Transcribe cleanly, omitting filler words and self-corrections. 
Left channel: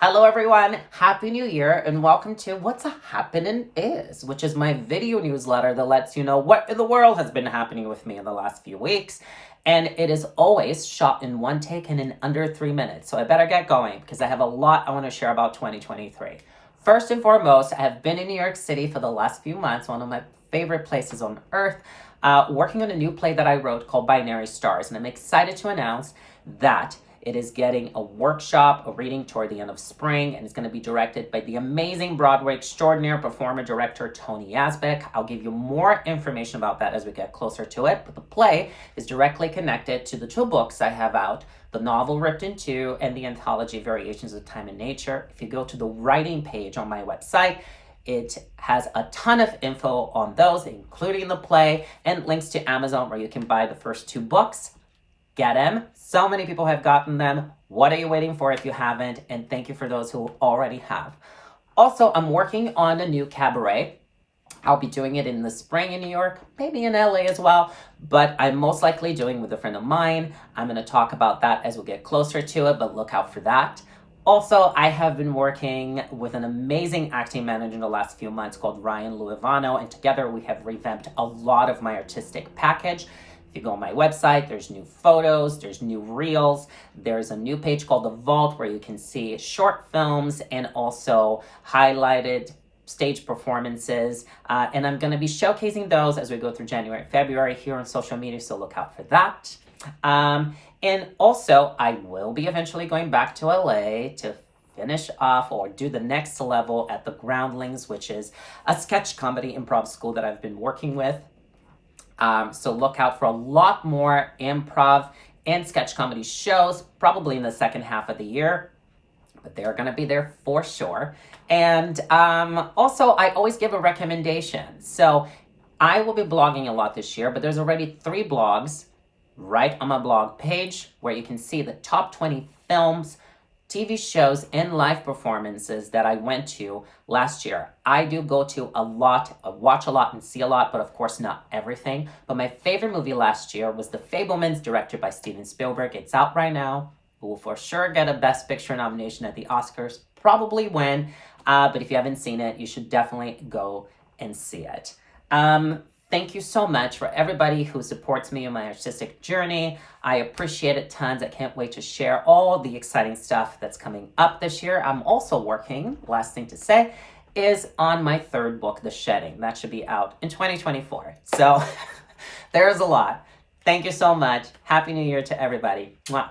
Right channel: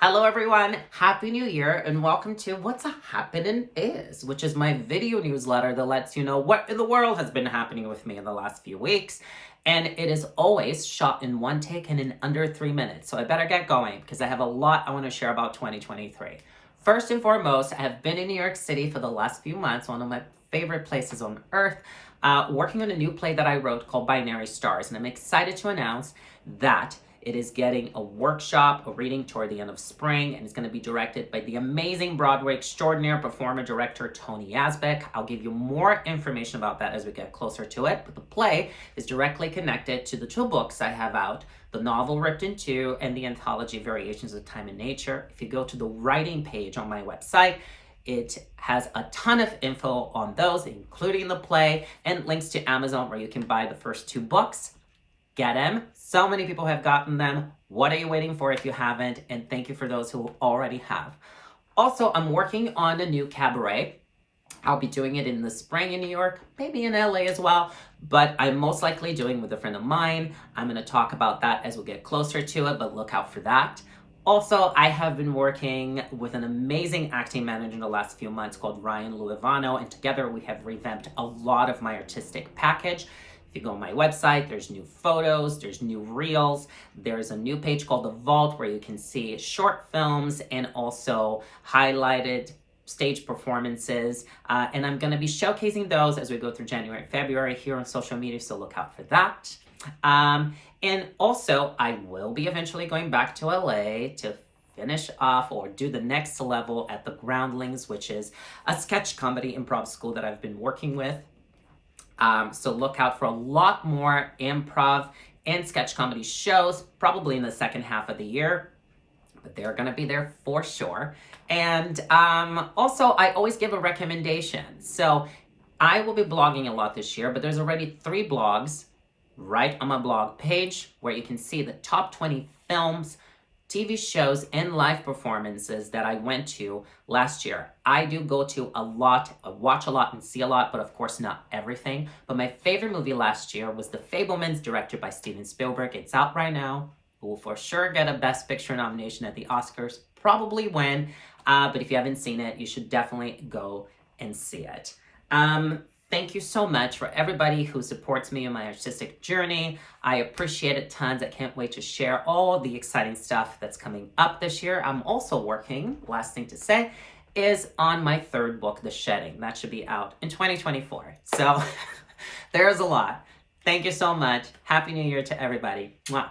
Hello, everyone. Happy New Year, and welcome to What's a Happenin' Is, which is my video newsletter that lets you know what in the world has been happening with me in the last few weeks. And it is always shot in one take and in under 3 minutes. So I better get going because I have a lot I want to share about 2023. First and foremost, I have been in New York City for the last few months, one of my favorite places on earth, working on a new play that I wrote called Binary Stars. And I'm excited to announce that it is getting a workshop, a reading toward the end of spring, and it's going to be directed by the amazing Broadway extraordinaire performer director Tony Yazbek. I'll give you more information about that as we get closer to it, but the play is directly connected to the two books I have out, the novel Ripped in Two and the anthology Variations of Time and Nature. If you go to the writing page on my website, it has a ton of info on those, including the play, and links to Amazon where you can buy the first two books. Get them. So many people have gotten them. What are you waiting for if you haven't? And thank you for those who already have. Also, I'm working on a new cabaret. I'll be doing it in the spring in New York, maybe in LA as well, but I'm most likely doing with a friend of mine. I'm going to talk about that as we get closer to it, but look out for that. Also, I have been working with an amazing acting manager in the last few months called Ryan Luivano, and together we have revamped a lot of my artistic package. If you go on my website, there's new photos, there's new reels, there's a new page called The Vault where you can see short films and also highlighted stage performances. And I'm going to be showcasing those as we go through January and February here on social media, so look out for that. And also, I will be eventually going back to LA to finish off or do the next level at the Groundlings, which is a sketch comedy improv school that I've been working with. So look out for a lot more improv and sketch comedy shows, probably in the second half of the year, but they're going to be there for sure. And also, I always give a recommendation. So I will be blogging a lot this year, but there's already 3 blogs right on my blog page where you can see the top 20 films, TV shows, and live performances that I went to last year. I do go to a lot, watch a lot, and see a lot, but of course not everything. But my favorite movie last year was The Fabelmans, directed by Steven Spielberg. It's out right now. It will for sure get a Best Picture nomination at the Oscars, probably win. But if you haven't seen it, you should definitely go and see it. Thank you so much for everybody who supports me in my artistic journey. I appreciate it tons. I can't wait to share all the exciting stuff that's coming up this year. I'm also working, last thing to say, is on my 3rd book, The Shedding. That should be out in 2024. So there's a lot. Thank you so much. Happy New Year to everybody. Mwah.